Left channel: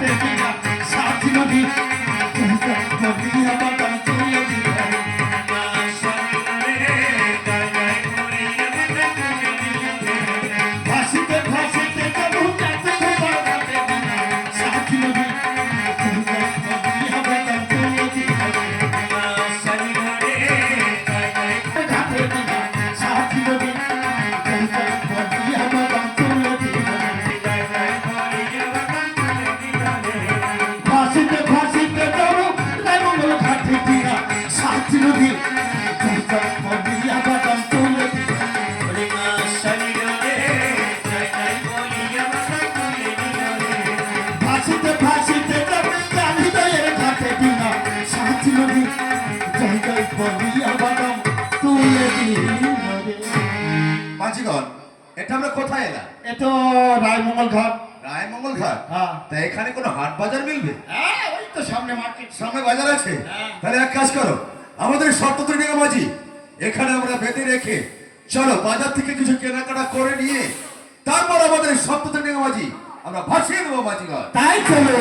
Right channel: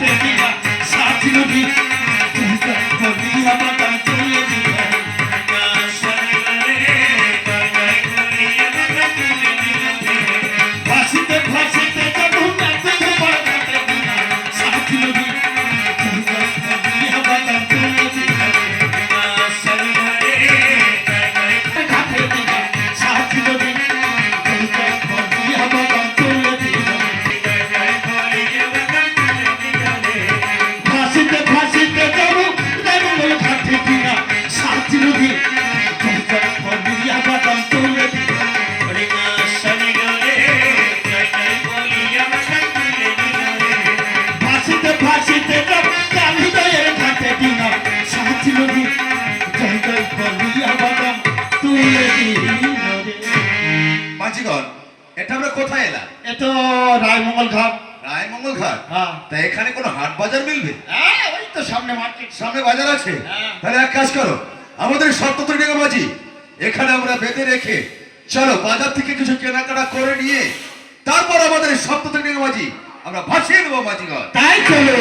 ঘাটে দিয়া সাথী নদী দিয়া বাবা তুলে দিবা ভাসিতে ভাসিতে যাবো ঘাটে তোমার ঘাটে দিয়া সাথী নদী দিয়া বাবা তুলে দিবা ঘাটে দিয়া সাথী নদী দিয়া বাবা তুলে দিবা ভাসিতে ভাসিতে যাবো ঘাটে দিয়া সাথী নদী দিয়া বাবা তুলে দিবা ভাসিতে ভাসিতে যাবো হৃদয়ের ঘাটে দিয়া সাথী নদী জয় জয় বলিয়া বাবা তুলে দিবা মাঝিগণ, এটা আমরা কোথায় এলাম? এ তো রায়মঙ্গল ঘাট। রায়মঙ্গল ঘাট? হ্যাঁ। তা এখানে কোনো হাট বাজার মিলবে? হ্যাঁ, ওই তো সামনে মার্কেট। সামনে বাজার আছে? হ্যাঁ। তাহলে এক কাজ করো, আমাদের সপ্ততরীয় মাঝি এখানে আমরা বেঁধে রেখে চলো বাজার থেকে কিছু কেনাকাটা করে নিয়ে তারপর আমাদের সপ্ততরীয় মাঝি আমরা ভাসিয়ে দেবো মাঝিগণ। তাই চলো।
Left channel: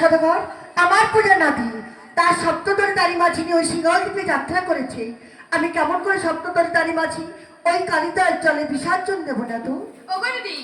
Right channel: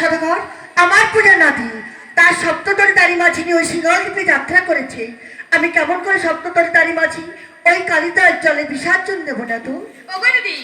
সদাগর, আমার পূজা নাতি তার সপ্তদরী দাড়ি মাঝি নিয়ে ওই সিংহল দ্বীপে যাত্রা করেছে। আমি কেমন করে সপ্তদরী দাড়ি মাঝি ওই কালিদার জলে বিসর্জন দেবো না তো?